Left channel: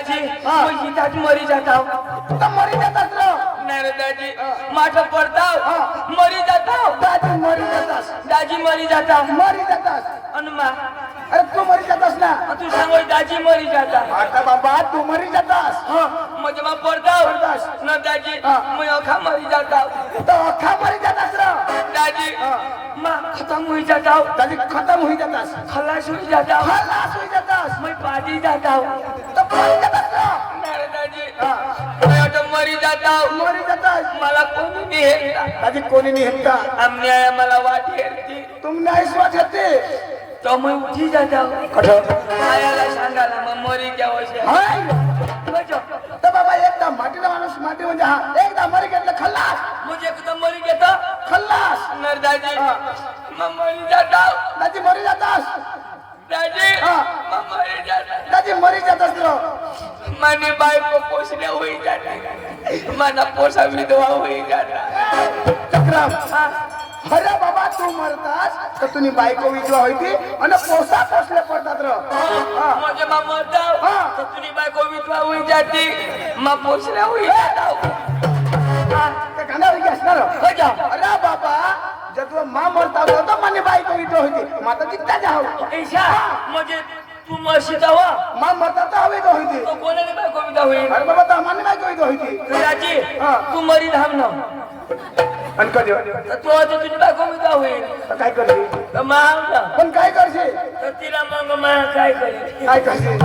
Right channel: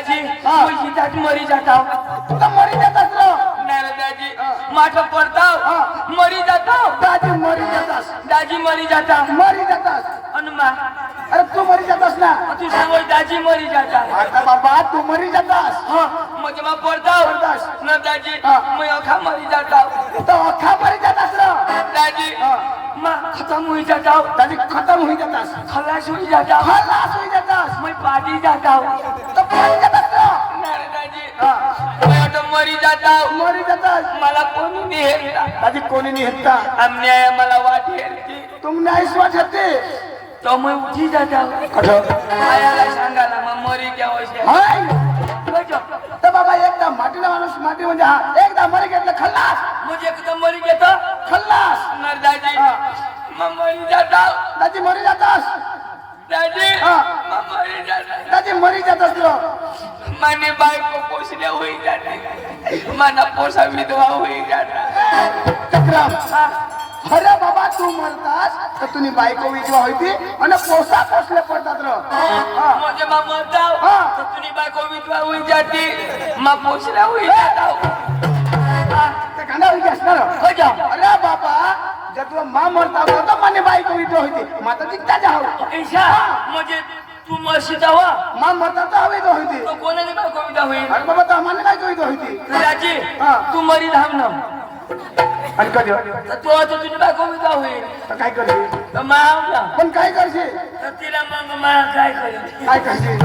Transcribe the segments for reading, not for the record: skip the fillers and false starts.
दाजी मुझी दाजी मरी जाता तू तर मरी जातास रे. नाही रे दाजी माझं पडताव मरी जातो दाजी मरी जातास. दाजी मरी जाता मरी जातास. अनुमा अरे तू मरी जातास ना. तू सांगो दाजी मरी जाता आता बाबा तू मरी जातास. म्हणजे मग पडताव पडतास. न दाजी मी अखा मरी जाता तो अख्खा मरी जातास रे. दाजी मा खत्म हुई जाता दाजी खतम होई जातास. खलास हुई जाता खलास होई जातास. मैं पादी जाता तो मरी जातास रे. नाही रे दाजी मी आता मरी जाता मरी जातास. मला कोणी नाही हेरता दाजी कोणी नाही हेरता. अन्याय मला वाट हेरते तुम नाही स्वच्छते. तो मैं उठी जाता आयाला सांगायला मग मरी क्या वैसे हाय. तर बाबा एकदा मातीला माणूस माती म्हणजे हा एकदा मरी घेतलं खल्लास. मुझे एकदम मरी घेता खल्लास. नर दाजी मग मरी जाता दाजी मरी जातास. दाजी मग मरी जाता दाजी मरी जातास रे. माने बायको पोसल्या होई जाता माना पोसा विधवा होई जाता चक्रम. अरे बाबा तू मरतास तर तुम्ही बायको विधवा होती आणि पोसा पोसले पडतात रे. माझे मा मरता तर तुझी बायको विधवा होई जाती मा पोसल्या होई जाता ते कांदा विकी असणार. अरे बाबा जर तुला मा मरता तर माने बायको विधवा होती माता तिथं जाऊ. ऐसा म्हणजे तू मशीदा हो मा मरता तर हवी तो होती. तो कोणाने बायको विधवा होई अरे बाबा तर माने बायको विधवा होती. दाजी तू मरी धावण आणि कधी तर तू आता तुझी बायको विधवा होईल तर काय करशील. तर मावला पण काय करशील. तर तिला मग मला काय करेल काय करशील.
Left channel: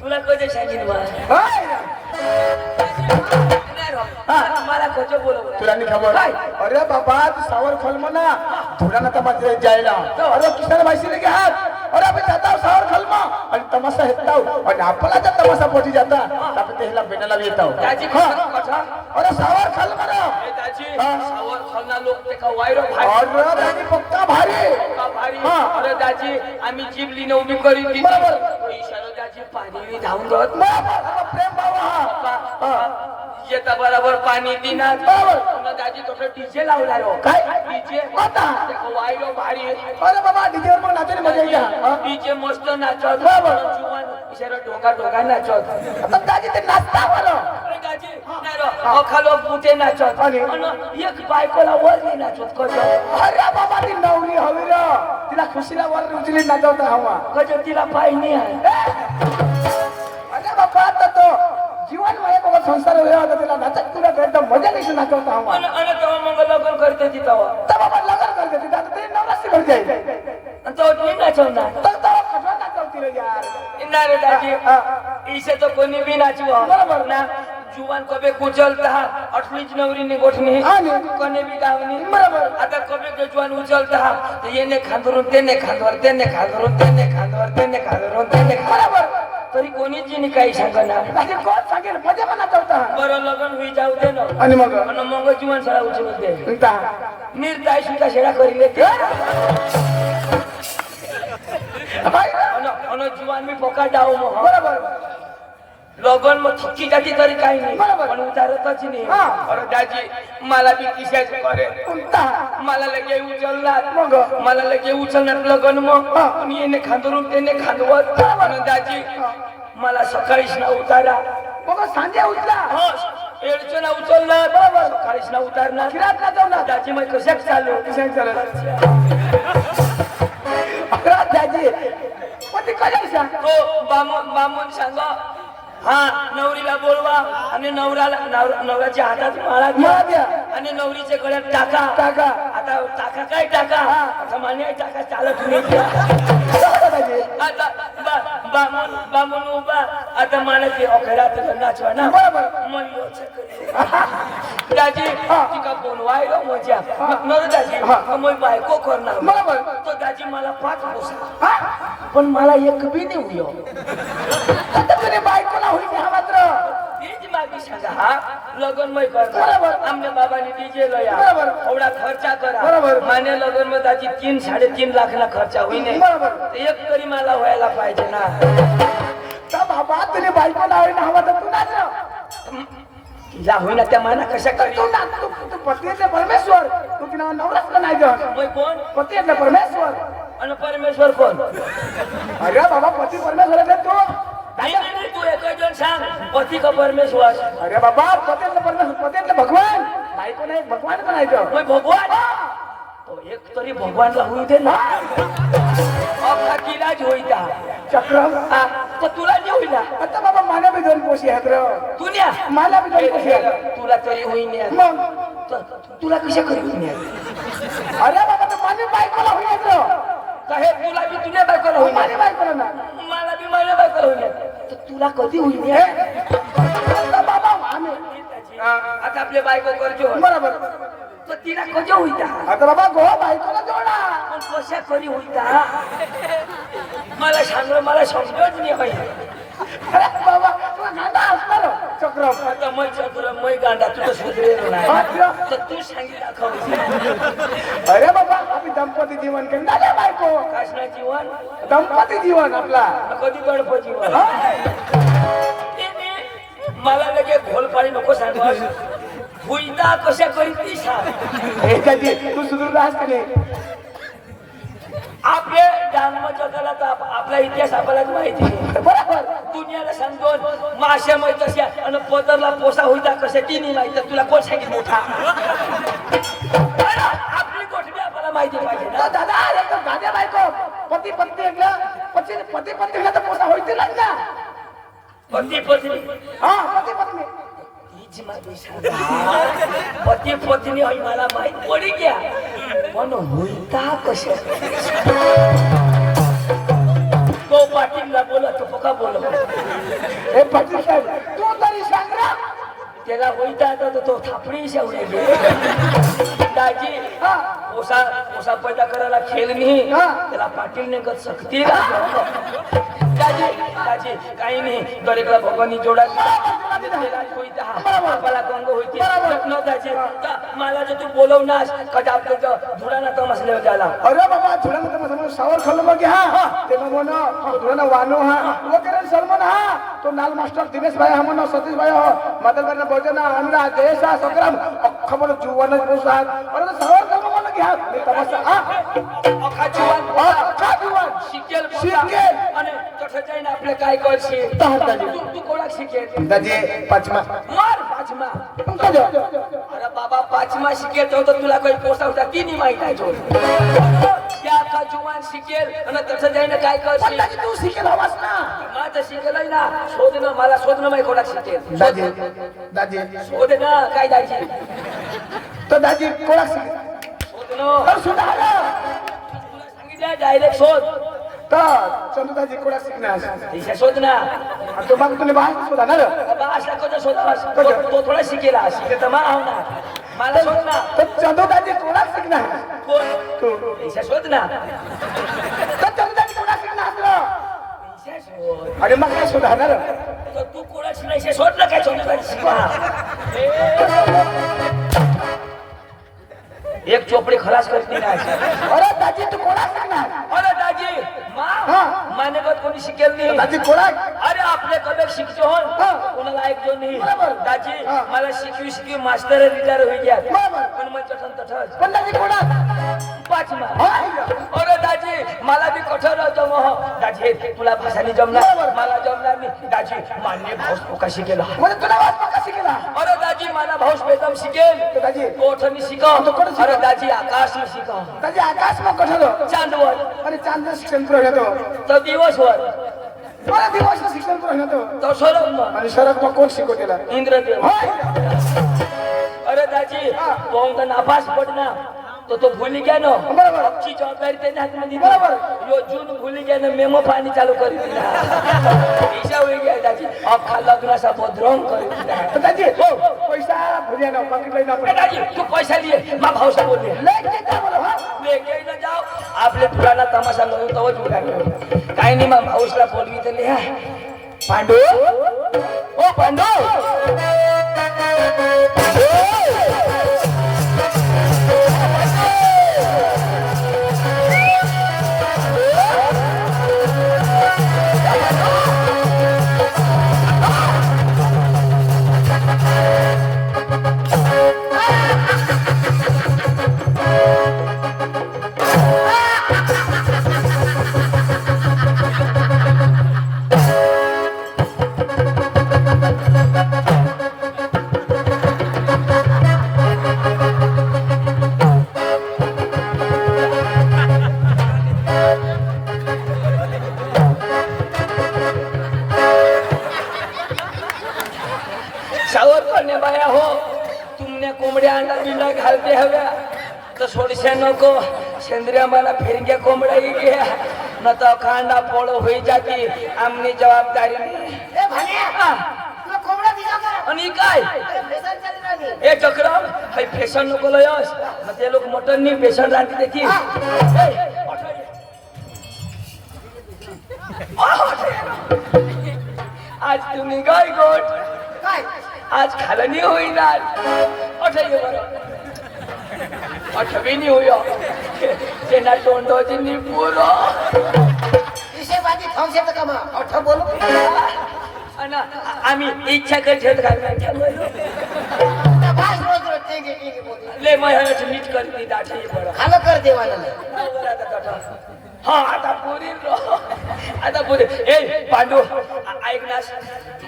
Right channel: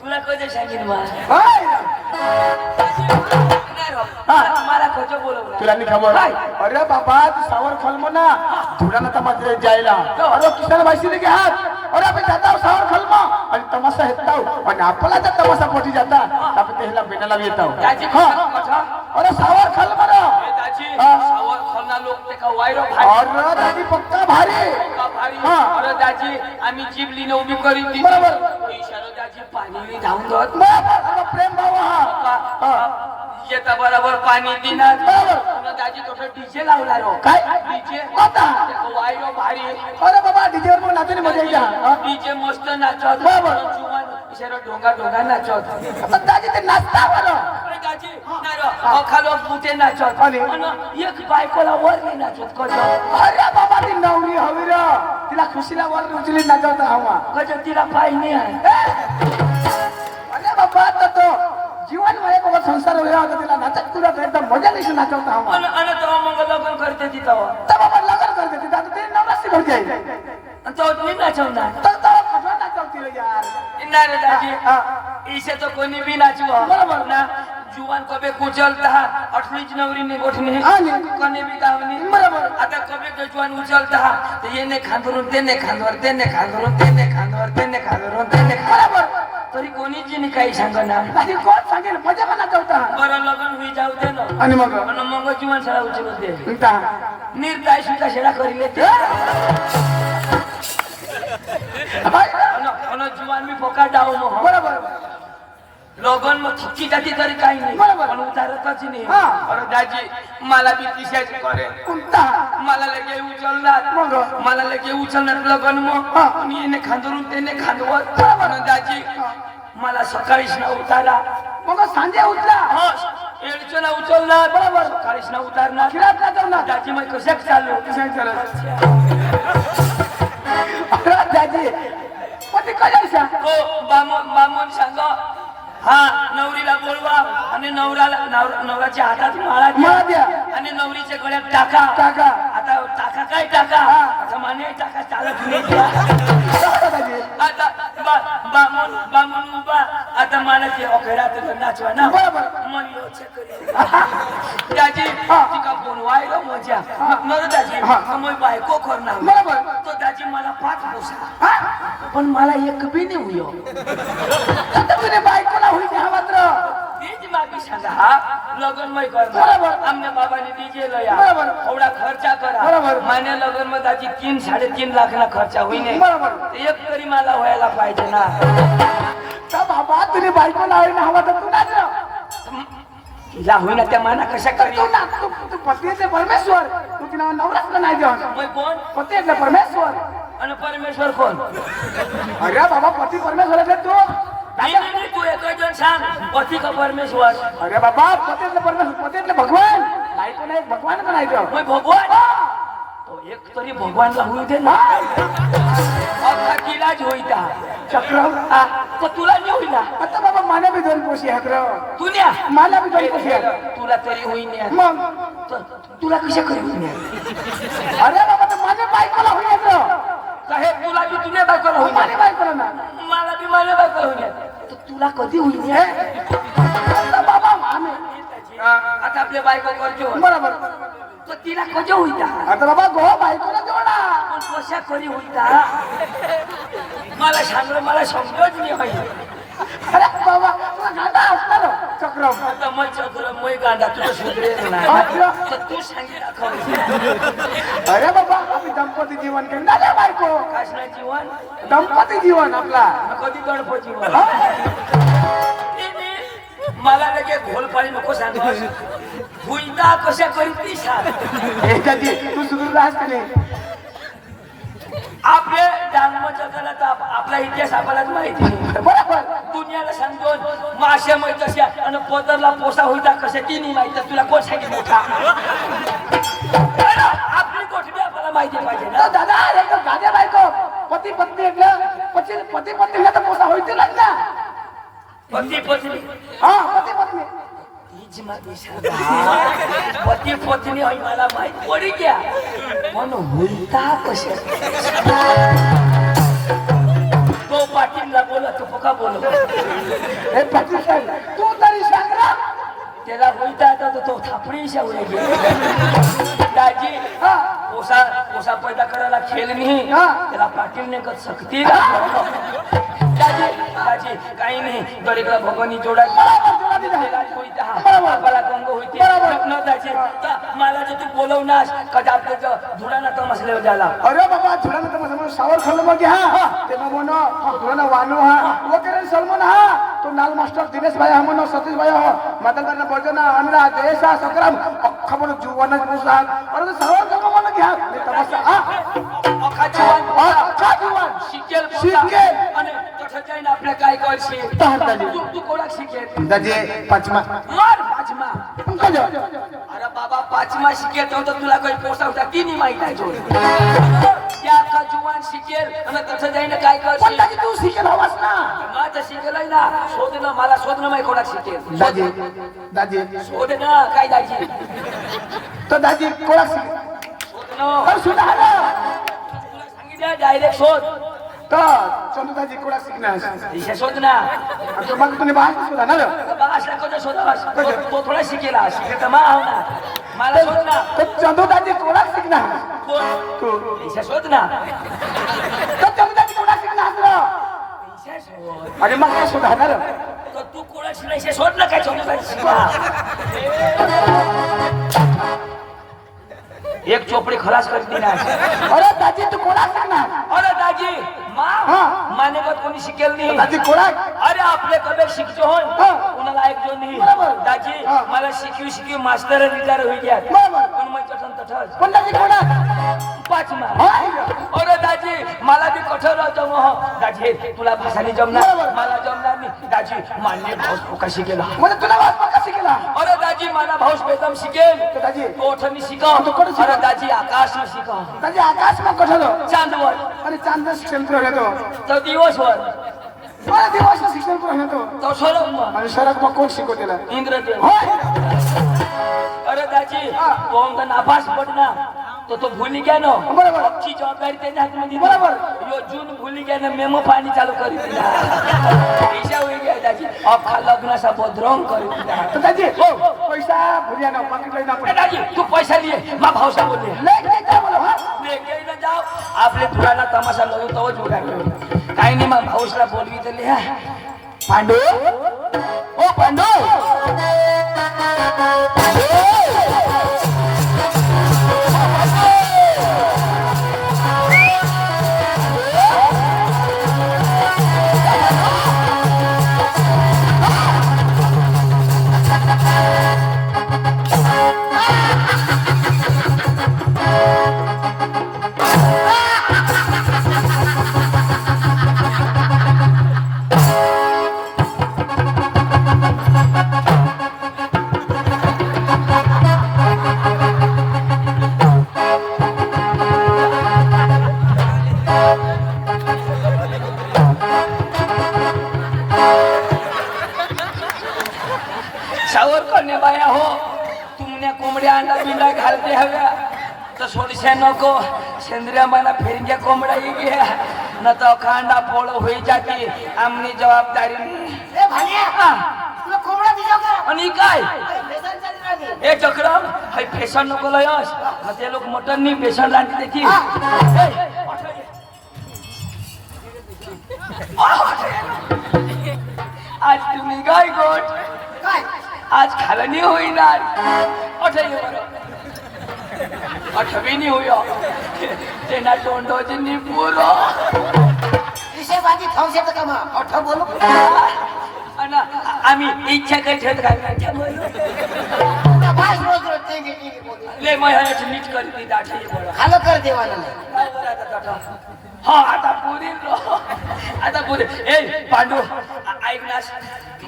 तुला कधी सांगेन मला मला खोटं बोलवलं तुला नाही खबर. अरे बाबा तू सावर खल म्हणा थोडा ना तमाशा जायला. अरे किसान भाई के हात. अरे आपण जाता सावर खल आणि तमाशा हेताव आणि आपला जर तमाशा पोटी जाता तर आपण त्याला बेटाला येताव. अरे सावर खल म्हणा. सावर खाना लोक ते का वायरो भारी अरे दादी पक्का भारी. भारी अरे दाजी आम्ही जिबली न उभी करी ती बरोबर. इशारा दाजी पाणी धावून जात बरोबर. प्रेम भाव हा. येता बरोबर पाणी दिना बरोबर. दाजी तो डीजे लावलाय काय डीजे आता वायरो भारी अरे बाबा डीजे मग नाचणी मजा येते. डीजे मस्त नाचत बरोबर. जुवान इशारा ढोंगा ढोंगा नाचत आता दादी ते नाचता बरं. अरे दाजी नाही रो खालो पुते नाचत आणि एक बायकोला वर नाही नाचत कजो अरे बाबा ती नवरी हवी रे. तिला खुशीला वर उचली नाचवता हवा. कजो तिला पाय नाही आहे अरे बाबा आता तो जीवन मध्ये बाबा संसार होया होता तिला नाचत तुला करतो मजा नाही नाचवता हवा. आणि तेव्हा मग लग्न करते ती तेव्हा तर बाबा लग्न करते ती दादी ते नवराशी करते. आणि तो मी नाचवणार तर तेव्हा कठोर नाचवती रे यार. ना रे दाजी इसे तो कोणी भी नाचवा बरोबर ना जुवान कबे कुचलता अठलीच नवरी ने गोठणी कोणी भी दावणी बरोबर. आता कबे के जुवान उचलता तर येने खांदरून तेने खांदवर तेने खांदरून तेने खांदवर तेने खांदरून तेने बरोबर. तरी कोणी जी काही सांगना दादी कोण सांगेल मजा पण नाचवता. बरं लग्न होई जाऊ दे ना आणि मग आणि मग जीवन सळा उचलू दे इंता निर्दाय सुद्धा शेडा करी लेते आणि जीवन मी फोका जाऊ मग बरोबर. लगन मग थक्की जाती तरी काही नाही बरोबर. पण उतारतच नाही हा. अरे दाजी मला बी तिशाच करे कोणता मला लगे उचलणार मग मला लगे उचलणार लगन मग हा. मी येणे खांदरून त्याने खांदवत आणि दाजी मला सकाळीच ना उतारा मग सांजे उठला एडचं ना उचलणार बरोबर सकाळीच ना उतारणार फिरात नाचवणार. दाजी मग कशाक चालू अरे दादी मग ते कशाला हो बामून सांग हा नवरीला बोलवा आणि नवऱ्याच्या हातात माळा माळा द्या. आणि नवरीच्या गळ्यात टाका टाका. आता टाका काय टाका आता माने टाका चालत नाही आता बामून उभा आता मला ते अखेरात नाचवा ना बरोबर. दाजी तिका बोलवायला मजा नर दाजी मग बायको करणार बरोबर. तो दाजी मला 5 पोसा पण मला एक बी नाही हुयो तुझे बायकोला होईल हा मात्र तीच मागी सांगा हा लगन मै करणार बरोबर. आमने बाबाने डीजे लया बरोबर. एवढा खर्चा करा बरोबर. माने लगन मध्ये दाजी 3-3.5 लाख ना खर्चा होईने बरोबर. एक तरी मला व्हायला पाहिजे ना का बाबा तुझे बायकोला होईल हवा तर तू नाच. जा होईना त्या माना कशा तू करी नाच. तू पतीचे परमेश्वर तू तिला नवराच का नाही जाऊन मै कोण पतीचे परमेश्वर. आणि परमेश्वर कोण अरे बाबा पती परमेश्वर आहे तू नाही तू एक जण सांग पती का परमेश्वर अरे बाबा पतेतले परमेश्वर पतेतले भगवान बायको नाही भगवान का नाही तो मग भगवान तो एक तरी भगवानला होऊ दे ना अख्खा तिलाच होईता चक्र हा, तर तुला नाही होईना आता बाबा मला बी दोन पोशी आहेत रे तू न्या मला बी दोन पोशी आहेत तुला तरी होईन मग तुला कशा करी होईन अरे बाबा तर माझ्या बायकोला होईल रे हे तुला बी तुझ्या बायकोला होईन माझ्या बायकोला ना मला बी माझ्या बायकोला होईन तर तुला कधी होईन आता बाबा आम्ही आता आपले बायको करतो बरोबर तर तिला कधी होईता आता बाबा गो बायकोला जोडा पण कशा कधी होईता मला सांग मला समजत नाही होईल अरे बाबा तुला गाडा असणार चक्र आता मग चतुर मै गांडा तुझं सुधरेल नाही तर तू सांगी दाखव अरे बाबा आम्ही दंपती जीवन करणार बायको काशना जीवन दंपती जीवन आपला कधी गडप जीवन मला लगे घोलपाळी नको सांग भुईता कशा करीत ती सांग तू सुधरून राहस का नाही आपले जन्म जगाला तर आपला इतिहास आपल्यालाच माहिती आहे. बरोबर दुनियाला सांगतो माश्या माहित अशा आणि पदरला पोसा होईता कशा ती नाही माहित तुला कोण सांगितलं मोठा आपली गोष्टी आपल्याला माहिती पाहिजे ना दादा अरे तो गाद्या बायको पती पत्नी एकलं पती पत्नी तर पोसा होईतीलच ना पती पत्नी हा पती पत्नी हीच माझी सांगा पती पत्नी होई मला माहित पडी क्या पण होईता कशा तो पाटीलला बोलत तो का बोलत हे पाटील साहेब तू तरी सांग ना त्याला होईता आता तो थापडी शावले गे दाजी हा पोसा पैदा करायला खेळ नाही हा. त्याला पाटीलने गत सक्ती दाजी दाजी काही नाही गरीबला भगवानी जोडा बापाला गंग होती न दाजी मला जे तू बोलवनास कदा आपल्या धुळाना तमसले झाला अरे बाबा धुळानं तर मग सावर खाल्लं मग हा ते मग म्हणो धुळानं वानो हा वो करेल सलमान हा तो नाल मास्टर दिनेश भाई हा म्हणो सतीश भाई हो मतदार भजना अनुराग जयेश हा संग्राम अख्खा म्हणो जुवानच पोसा अरे तो सावर खाल्लं म्हणो घ्या ते तमाशा हा अख्खा जुवान शिकेल शिकेल. आणि तसं जाईन आपल्या काय करशी तू कोणाक शिकेल दाजी पाचमा मार पाचमा अरे बाबा पाचमा शिकेल तर तुला काही पोसा होता ती नाही माहित आहे जो त्या का जुवान शिकेल आणि तसं जाईन काय करशी दाजी तू शिकेल हवास ना माझं शिकेलय ना शोधणं मला शोधणं माहिती कोणाक शिकेल दाजी दाजी शोधणं काय दाजी तो दाजी कोणाक शिकेल शोधणं तर सुधारा तुला सांगितलं डायरेक्ट शोध तर चंदूदाजी कोणाक शिकणार दिशा शोध ना तो मग तुम्ही बाहेर सुद्धा ना बाबा असा कधी शोधावास तो थोडा शिकेला शिकेल तर मा आव ना मला शोध ना तर चंदूदाजी कोणाक शिकणार कोण तू दिशा शोध ना तर चंदूदाजी कोणाक शिकणार दिशा शोध अरे मग काय सुधारणार तर तू कोणाशी नाही शोध ना काय शोध शिकला एक चोपडी खलास करते ना अरे दाजी तू कोणाक शिकणार अरे दाजी हा. माने का कोणी शिकेल नाही दाजी कोणाक अरे आपले कबे शिकतो हो हा. कोणाला ऐकतो नाही बरोबर. दाजी हा. मला शिकवी मास्टर रिटायर होई गया बरोबर. पण मग तसं पण दाजी कोणाक पाचमा हा. अरे दाजी मला बी कठोर होतो मग दाजी तुला भाषाने जमणार बरोबर. मला जमणार नाही दाजी मान्य भाऊस पोका शिकेला म्हणजे तुला वाट पक्का शिकला अरे दाजी मला भाऊस बेदम शिकेल तर दाजी तो ओठनी शिकव तो कोण शिकव? अरे दाजी आकाश में शिकव दाजी आकाश मग कठोर चांदवर आणि चांद शिक्षण पुढे घेतो तो दिवसवर मला दिवस शिक्षण पुढे घेतो तो सोडव आणि शरद मग कोण शिकवतेला इंद्रदेव अरे दाजी तो नापास पडना तो भूली गया ना बरोबर. अक्षी जबाबदारी त्याच्या हातमध्ये बरोबर. यो जून भूली गया ना मेमो पाणी चालू करी दिला पैसा होई गया दाजी अख्खा लग्नाचा बदरंग करी दिला तर दाजी हो पैसा भुरिया ना पकडलं ना ए दाजी तू पैसा लिए मा भाऊसा बोलले लेके जा मला हा लेके न जाओ आपले पुराना तमाशा लगे तवच उगाले काही नाही मा भाऊसला बोलवी तर लिहा पांडू ओ पांडू चिमण्या कोंबड्या अंडा बिंडा घालते हव्या तर सोडशा नको सेंद्रिय मला फिरक्या कोंबड्या घ्या न तर खांडा पोळ होई जाते आमनी जबाबदारी ए भाण्या तुला कोंबडा दिला का आणि काय बेसन चालू राहिली ए चक्रम हाय फेशन नको लयस मग ते लोक मटन नी फेशन रांधते देखी आज तुम्ही काय गोट काय आज खालं नाही होईनार अठे बरं अठवी नाही होय त्यांना तोंडोची नि पुरो विषय बाजी खाऊ शकत का मग अठ्ठा बोलू आणि आम्ही इच्छा काही ठेवत घालण्याच्या काय रोज रोज टेंगे बोलतो ले मग मीठ करते दाठी बरं खालं कर देवाला हा आता पुरी आता पुरी ए पांडू ऐक ना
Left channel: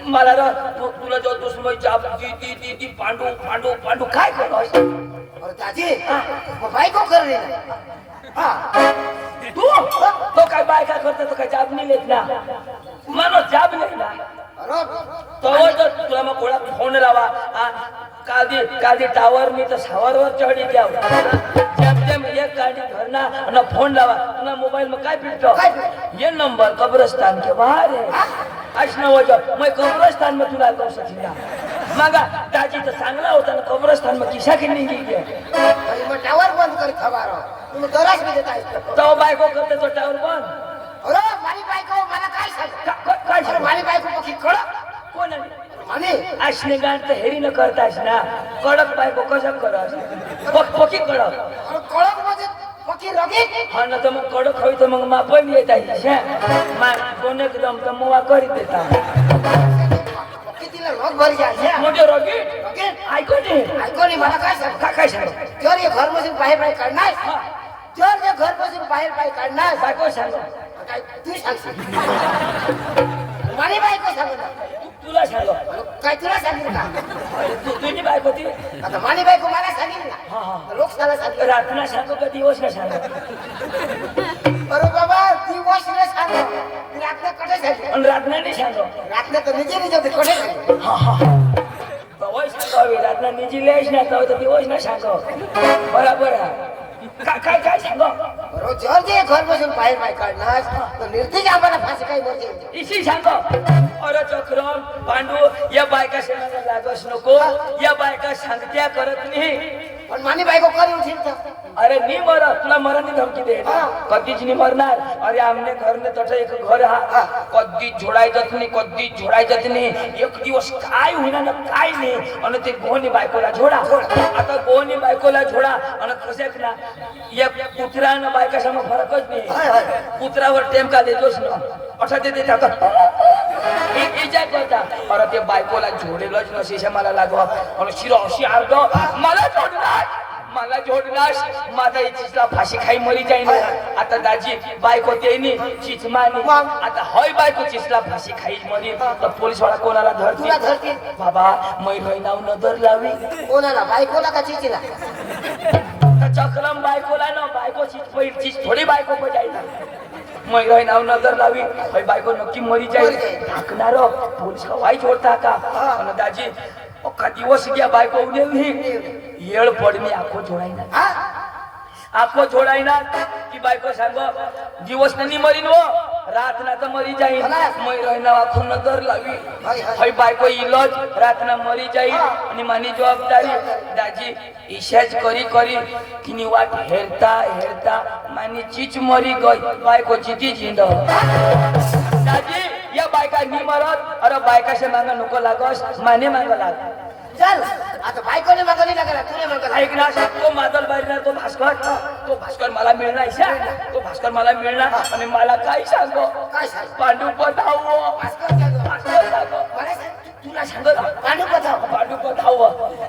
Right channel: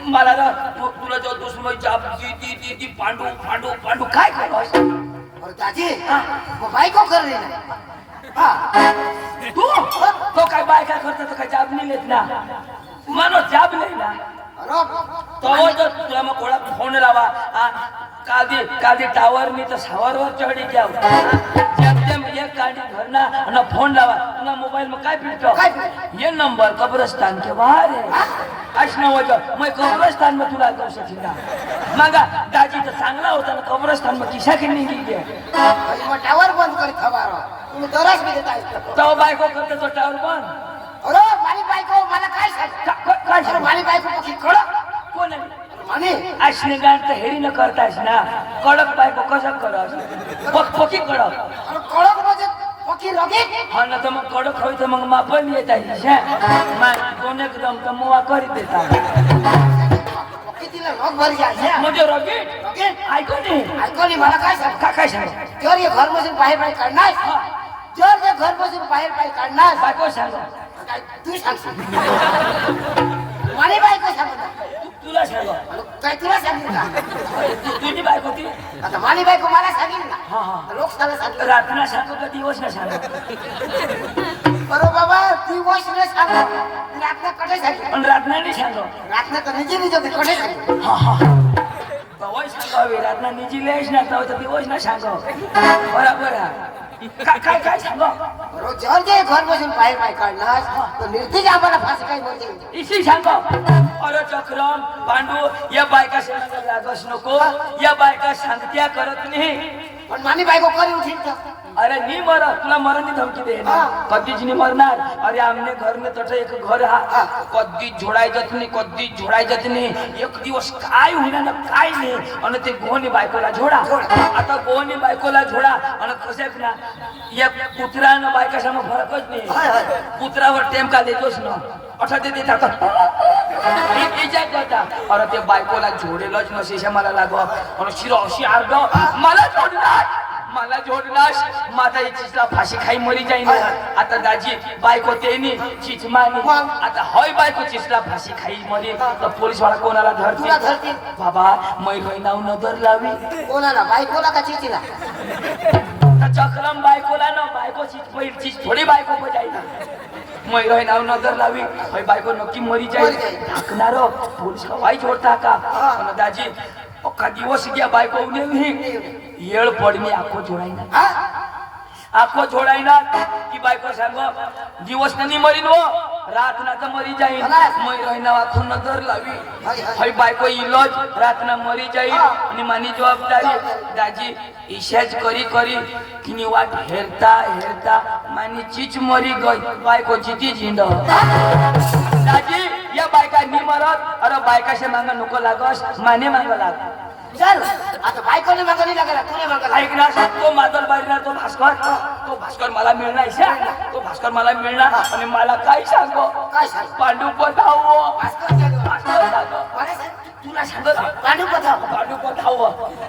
मला ना तुला जो दुसरी जाब ती पांडू पांडू पांडू काय करतोस अरे दादी मग बायको कर रे तू तो काय बायका करतो तो काय जाब नाही लेत ना मानो जाब नाही ना तो तुला मग कोणा फोन लावा कादी टावर मी तर सावरवर चढी जाऊ जेम एक गाड़ी भरना ना फोन लावा ना मोबाइल में काय फिरतो ये नंबर कब्रिस्तान के बाहर है असना वजह मैं कब्रिस्तान में तुला करू शकीना मागा दाजी तर चांगला होता ना कब्रिस्तान में किसा की नहीं गई मग टावर बंद कर खबर तुम्ही दरस भी देता तो बायको करते तो टावर बंद अरे मारी बायको मला काय सांग काय अरे मारी बायको पकी कळक कोण आहे माने असने गाठ तर हेरी न करतास ना कडक बायको कसं करस पकी कडक अरे कळक म्हणजे पकी रगी हा ना तर मग कडक होई तर मग मापण येत आहे दोन एकदम तर मुवा करीत देता कितीला रोग भर जाय म्हणजे रगी रगी ऐकू दे ऐको नी मला काय सांग काय सांग जर हे घर मधून बाहेर बाहेर काढणार जर हे घर मधून बाहेर बाहेर काढणार बायको सांग काय तू सांगशील मारी बायको सांगणार तुला सांग काय तुला सांगेल का तुझी बायको ती आता मानी बायको मला सांगेल ना हा हा लोक सांगा सांगेल रातना सांगू का दिवस ना सांग अरे बाबा दिवस ने सांग रात्र कडे सांगेल आणि रातना नाही सांग रात्र तर निजे निजे कडे सांगेल हा हा दिवस सांगावी रातना निजी लेश ना तर दिवस ना सांग बरोबर काय काय सांग जर जे घर मधून बाहेर बाहेर काढणार तर निर्तिक आम्हाला फाशी काही म्हणजे इसी सांग अरे चक्रम पांडू या बायका शेणाला लागस नको या बायका सांगत्या करत नाही पण मानी बायको करी उठील तर अरे नी मर तुला मरणी धमकी दे कधीच नाही मरणार अरे आमने घर ने तसं एक घर हा कधीच जोडायचं नाही कधीच जोडायचं नाही एक दिवस काय होईना ना काय नाही आणि ते गोहनी बायकोला जोडा आता गोहनी बायकोला जोडा आणि कशाक ना या कुत्र्यानं बायका समोर फरकच नाही कुत्र्यावर टेमका देतोच ना अठा ते देतात अरे ते बायकोला जोडेलच नसे मला लागवा आणि शिरो अशी अर्ध मला जोडणार माझा चिचला फाशी खाई मरी जाईन आता दाजी बायको तेनी चिचमानी आता हय बायको चिचला फाशी खाई मरी तर पोलीस वाला कोणाला धरतील बाबा मै नाव नजर लावी कोणाला बायकोला का चिचीला चक्रम बायकोला ना बायको चीज थोडी बायको बजाई मै नाव नजर लावी हय बायको नक्की मरी जाईल ढाकणार पोलीस वाई जोडता का दाजी अख्खा दिवस घ्या बायको येळ पडणे आखो जोडायना आखो जोडायना की बायको सांग दिवस नाही मरीन वो रात ना तर मरी जाईन मै रहना आखो नजर लावी हय बायको इलज रात ना मरी जाईल आणि मानी जबाबदारी दाजी इशाच करी करी किनी वाट हेरता हेरता मानी चीच मरी गई बायको चिती झिंड दाजी या बायका नि मरत अरे बायकाशे मांगा नको लागस माने मांगा लाग चल आता बायकोने मागणी लागला तुने मागला ऐक ना तो मादल बाहेर तो भास्कर मला मिळणार तो भास्कर मला मिळणार आणि मला काय सांगो काय सांग पांडू पधाव भास्कर सांग मला सांग तुला सांग पांडू पधाव पांडू पधाव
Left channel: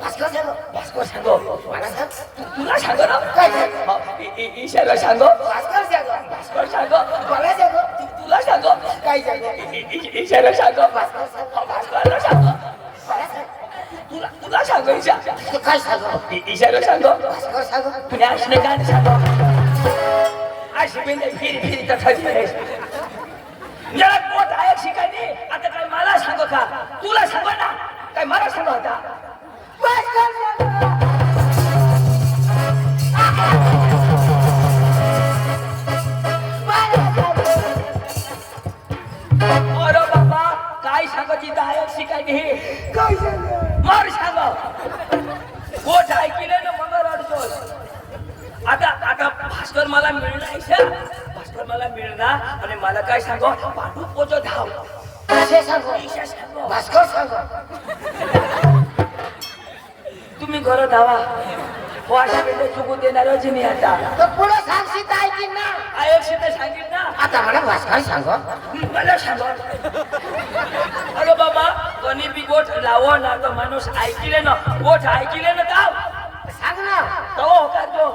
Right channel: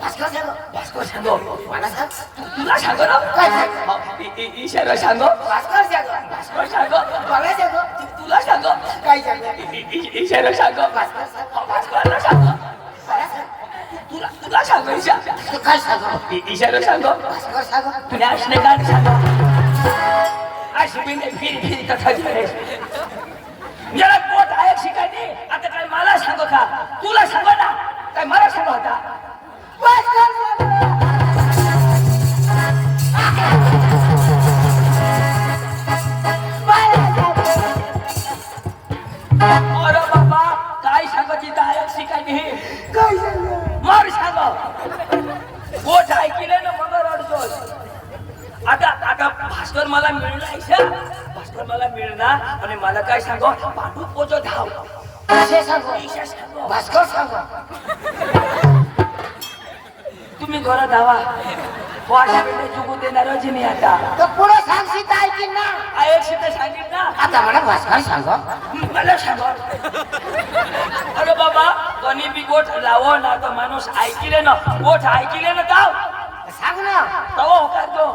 भास्कर सांग मला सांग तुला सांग ना काय सांग इशारा सांग भास्कर सांग मला सांग तुला सांग काय सांग इशारा सांग भास्करला सांग मला सांग तुला सांग तू काय सांग इशारा सांग भास्कर सांग तुला असणे गाणं सांग अशी बिने फिरी तथा झालेस जरा पोट आहे शिकायनी आता काय मला सांग का तुला सांग ना काय मला सांग होता भास्कर सांग ऐकले ना मग रडतोय. आता आता भास्कर मला मिळणार भास्कर मला मिळणार आणि मला काय सांगो पांडू पोचो धाव कसे सांगू ईशा सांगो भास्कर सांगू तुम्ही घर धावा वाशा बेटे चुकू देणार मी आता तर पुढे सांगशी तर ऐकीन ना आयशी ते सांगितलं ना आता मला भास्कर सांगू मला सांगो अरे बाबा कोणी बी गोठ लावो ना तर माणूस ऐकिले ना गोठ ऐकिले ना धाव सांग ना तवा होकार तो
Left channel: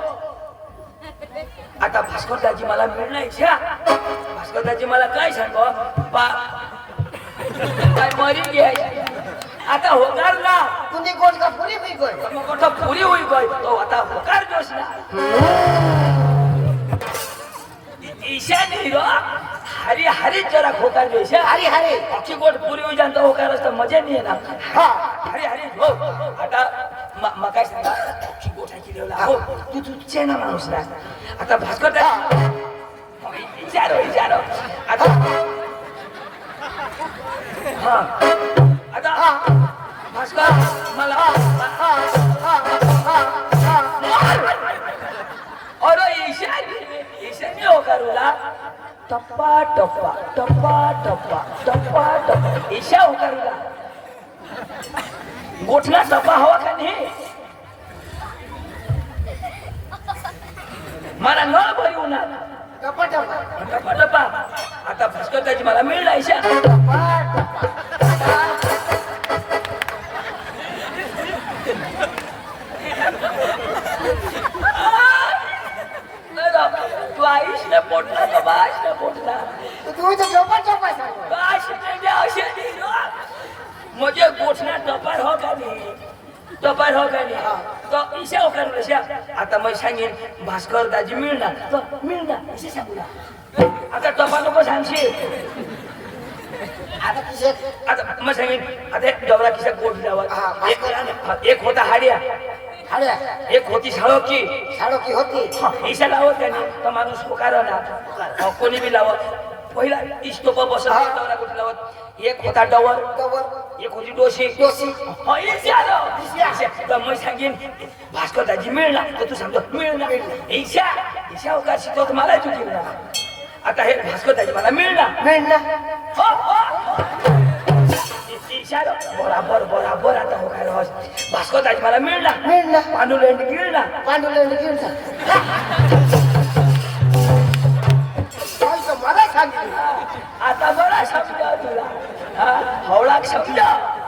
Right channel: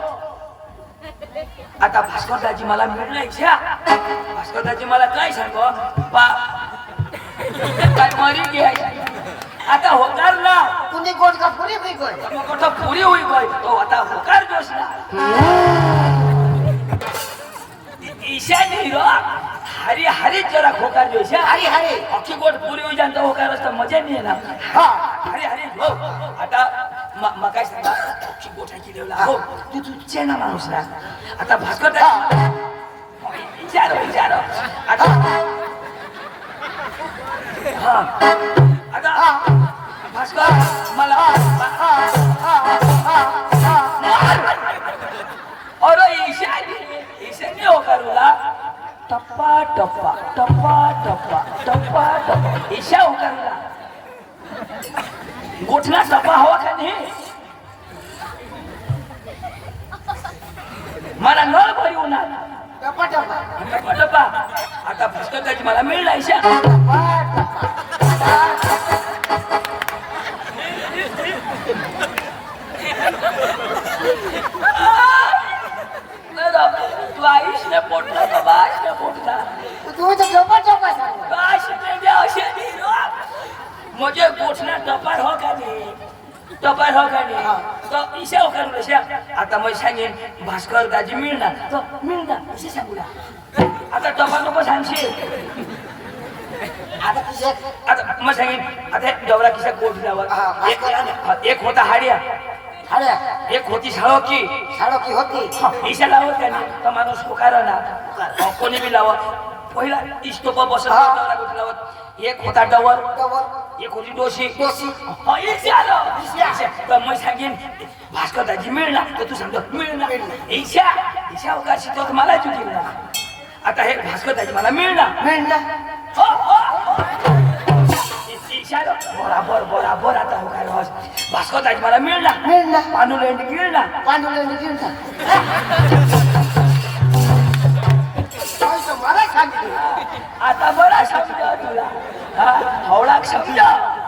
आता भास्कर दाजी मला मिळणार इच्छा भास्कर दाजी मला काय सांगो काय मरी घ्यायची आता होकार ना तुम्ही कोण का पुरी बी कोण मग कुठं पुरी होई गय तो आता होकार जोश ना ईशा नाही रो हरी हरी जरा होकार जोश हरी हरी अख्खी गोट पुरी होई जाणं होकार असतं मजा नाही ना हा हरी हरी हो आता मग काय सांगा अख्खी गोठ ऐकली हो तू तुझे ना माणूस ना आता भास्कर दाजी विचारो आता हा आता भास्कर मला अरे ईशान्य हो करूला टप्पा टप्पा टप्पा टप्पा टप्पा टप्पा ईशा हो करूला गोठला टप्पा हवा का नाही मला नळ भरी उन्हात टप्पा टप्पा टप्पा टप्पा आता भास्कर दाजी मला मिळला ईशा तू आईश न पोटला का बाश न पोटला तू तर टप्पा टप्पा सांगू बाश ने असे म्हणजे गोठना टपार हो का नाही टपार हो का नाही तो ईशा हो करू ईशा आता मग सांगेन भास्कर दाजी मिळणार तो मिळणार असे सांगू ना आता टपार नको सांगशील आता तुझे आता मग सांगेन आता डवरा किसा गोठ लावा एक होता हाड्या अरे एक होती साळोकी साडो की होती ईशा लावत त्याने तो माणूस पुकारा ना कोणी बी लावत पहिला इष्टोपा बसत डवरा गोठ लावत एक होता डवर डबल एक होती डोशी दोषी ईशा तर मग सांगेन भास्कर दाजी मिळणार तर तू सांगतो मिळणार ईशा ईशा होकार शिकवत मला चुकील ना आता हे भास्कर दाजी मला मिळणार मिळणार हो ईशा बराबर बराबर आता होकार हॉस भास्कर दाजी मला मिळणार मिळणार पांडुलेंड मिळणार पांडुलेंड गिळणार मला सांगितलं आता बरा समज तुला हवळाक समज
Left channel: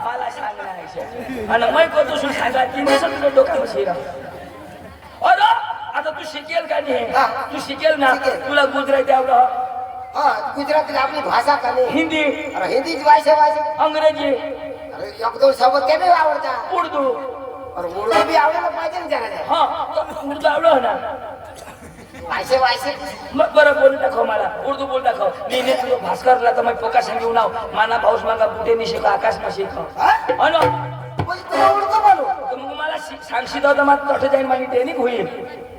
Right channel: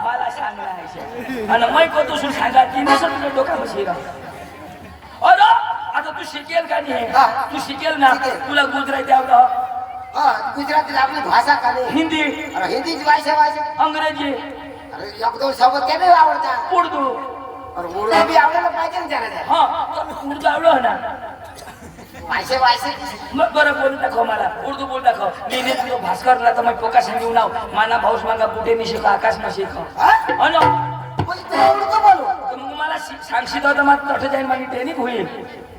मला सांगणार आणि मै कतून सांगा ती नसेल तुझ्या डोका बसेल अरे आता तू शिकेल का नाही तू शिकेल ना तुला गुजराती आवडं हा गुजराती आपली भाषा का नाही हिंदी अरे हिंदीची भाषा अंग्रेजी अरे एक दोन सोबत काय नाही आवडतात उर्दू अरे उर्दू बी आवडायला पाहिजे ना त्याला हा उर्दू आवडं ना भाषे मग बरं बोलू दाखव मला उर्दू बोल दाखव मी तुझं भास्करला तर मग पोका सांगू नाव माना भाऊस मागा बुटे नि शिका आकाश न शिका अनो उर्दू बोलू तर मग मला सांगशील तर मग तसं जाईन माझी ट्रेनिंग होईल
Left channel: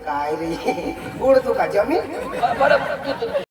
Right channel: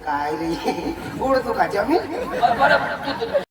काय रे उर्दू का जमीन बरं